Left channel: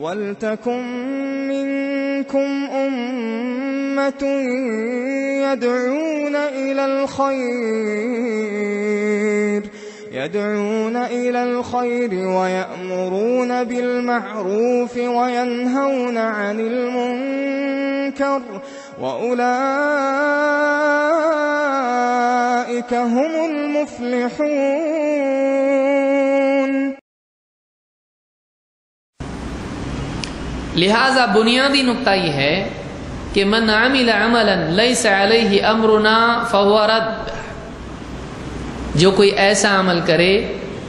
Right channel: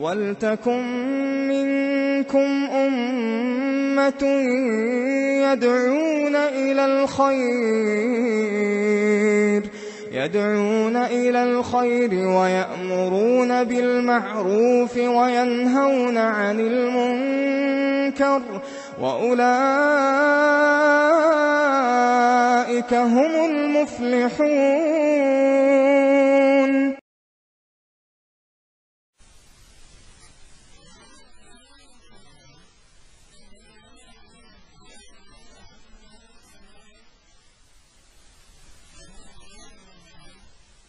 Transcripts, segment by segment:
وَلْتَكُن مِّنكُمْ أُمَّةٌ يَدْعُونَ إِلَى الْخَيْرِ وَيَأْمُرُونَ بِالْمَعْرُوفِ وَيَنْهَوْنَ عَنِ الْمُنكَرِ وَأُولَئِكَ هُمُ الْمُفْلِحُونَ۔ لہذا بنیادی نقطہ یہ ہے کہ من عمل عملا لیس علیہ امرنا فہو رد، جو کوئی ایسا عمل کرے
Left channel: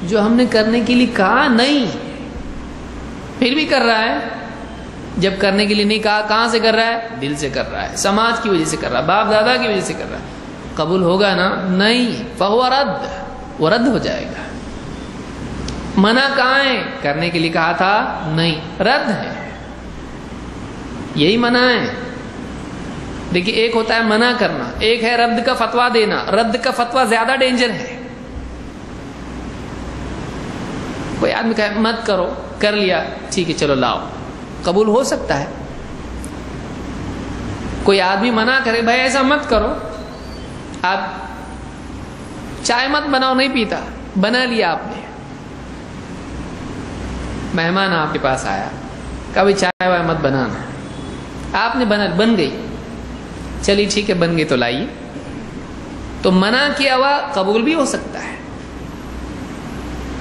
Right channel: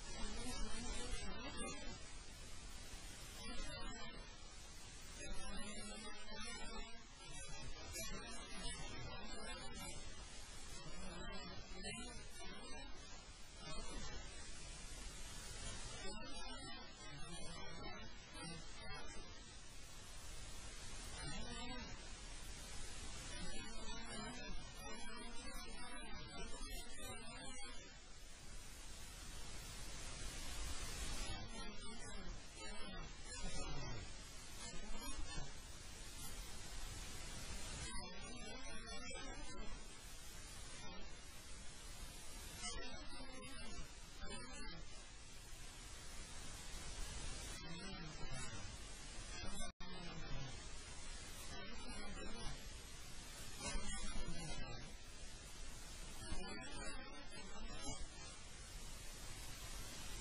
جو ہم نے کرنے کے لیے کہا نہیں، پھر بھی کر رہا ہے۔ جب کرنے کے لیے نہیں کہا، کہاں سے کر رہا ہے؟ دل سے کر رہا ہے، سماج کی وجہ سے کر رہا ہے، باپ دادا کی وجہ سے کر رہا ہے، قبول ہوگا نا؟ نہیں، فہو رد، وہ رد ہو جائے گا۔ منع کہاں ہے؟ کرنے کے لیے کہا تھا نہیں، رد ہے، یہی منع ہے۔ دیکھیے، ایک ہوتا ہے منع کرنا، ایک ہے رد کا فتویٰ دینا۔ رد کا فتویٰ زیادہ ڈینجر ہے۔ کوئی آدمی کہے مت کرو، کر لیا، ٹھیک ہے چلو لاؤ، قبول ہو سکتا ہے۔ کوئی آدمی منع کرے بھائی ایسا مت کرو، آپ چائے مت بناؤ، نہیں پیتا، بنا لیا آپ نے، مہمان آپ کے پاس آیا، کہا بھائی چائے وائے مت بنانا، آپ نے بن گئی، چلی ٹھیک ہے بن گئی تو لائیے، تو منع کیا ہوا قبول بھی ہو سکتا ہے،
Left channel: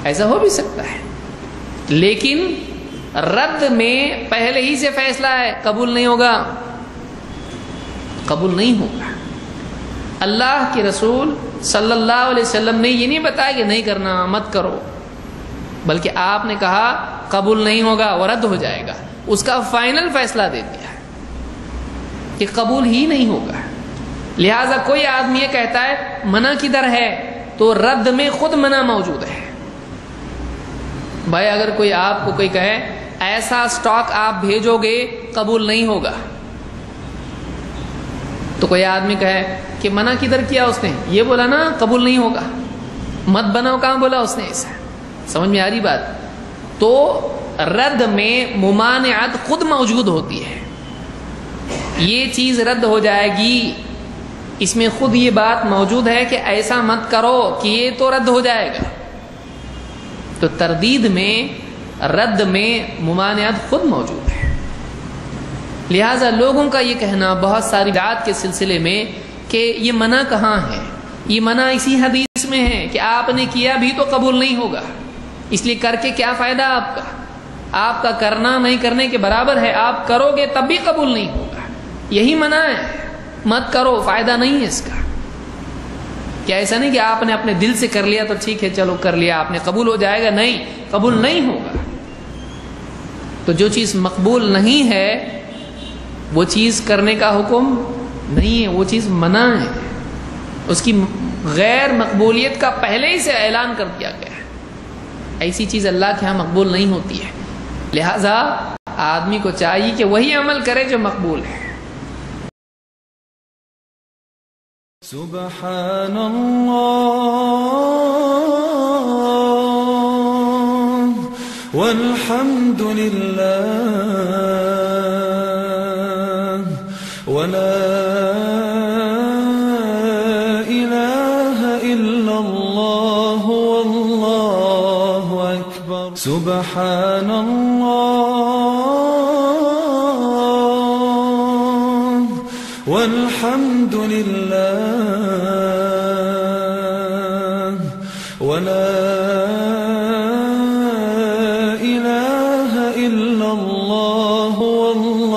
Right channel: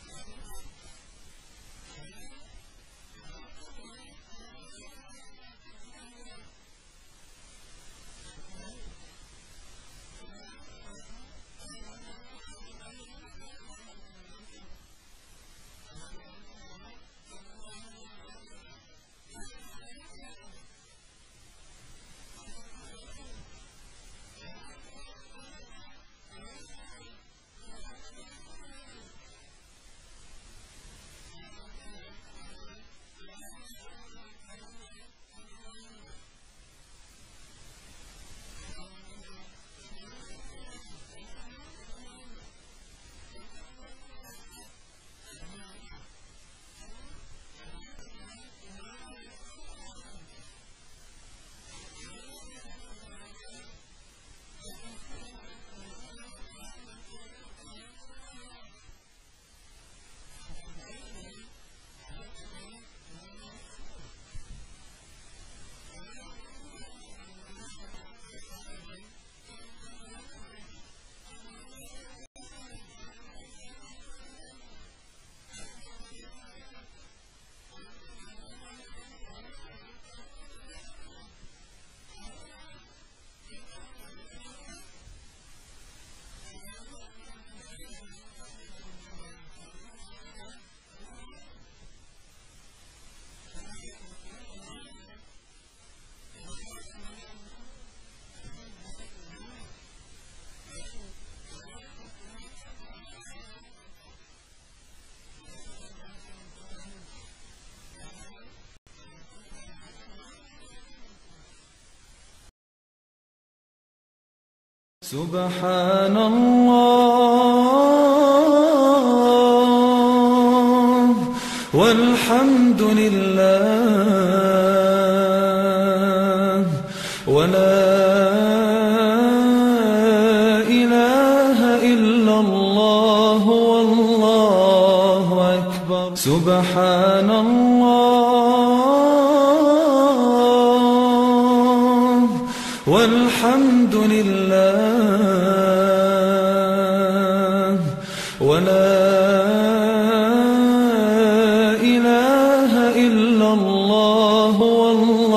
ایسا ہو بھی سکتا ہے، لیکن رد میں پہلے ہی سے فیصلہ ہے قبول نہیں ہوگا، قبول نہیں ہوگا۔ اللہ کے رسول صلی اللہ علیہ وسلم نے یہ نہیں بتایا کہ نہیں کرنا، مت کرو، بلکہ آپ نے کہا قبول نہیں ہوگا، وہ رد ہو جائے گا، اس کا فائنل فیصلہ دے دیا کہ قبول ہی نہیں ہوگا۔ لہٰذا کوئی آدمی یہ کہتا ہے منع کدھر ہے، تو رد میں خود منع موجود ہے۔ بھائی اگر کوئی آپ کو کوئی کہے ایسا سٹاک آپ بھیجو گے قبول نہیں ہوگا، تو کوئی آدمی کہے کہ منع کدھر کیا اس نے، یہ بولا نا قبول نہیں ہوگا، مت بناؤ کہاں بولا اس نے، ایسا سمجھ میں آ رہی بات؟ تو رد میں ممانعت خود موجود ہوتی ہے، یہ چیز رد ہو جائے گی، اس میں خود یہ بات موجود ہے کہ ایسا مت کرو کہ یہ تو رد ہو جائے گا۔ تو تردید میں، رد میں ممانعت خود موجود ہے۔ لہٰذا لوگوں کا یہ کہنا بہت ساری بدعات کے سلسلے میں کہ یہ منع کہاں ہے، یہ منع اسی حدیث میں ہے کہ آپ نے کیا بھی تو قبول نہیں ہوگا، اس لیے کر کے کیا فائدہ آپ کا کرنا نہیں کرنے کے برابر ہے، آپ کرو گے تب بھی قبول نہیں ہوگا، یہی منع ہے، مت کرو، فائدہ نہیں ہے اس کا۔ کیا ایسا نہیں کہ آپ نے اپنے دل سے کر لیا تو ٹھیک ہے چلو کر لیا آپ نے، قبول ہو جائے گا؟ نہیں، قبول نہیں ہوگا۔ تو جو چیز مقبول نہیں ہے وہ چیز کرنے کا حکم نہیں ہے، وہ چیز منع ہے، اس کی غیر مقبولیت کا پہلے ہی سے اعلان کر دیا گیا ہے، ایسی چیز اللہ کے ہاں مقبول نہیں ہوتی ہے۔ لہذا آدمی کو چاہیے کہ وہی عمل کرے جو مقبول ہے۔ سبحان اللہ والحمد للہ ولا الہ الا اللہ واللہ اکبر۔ سبحان اللہ والحمد للہ ولا الہ الا اللہ واللہ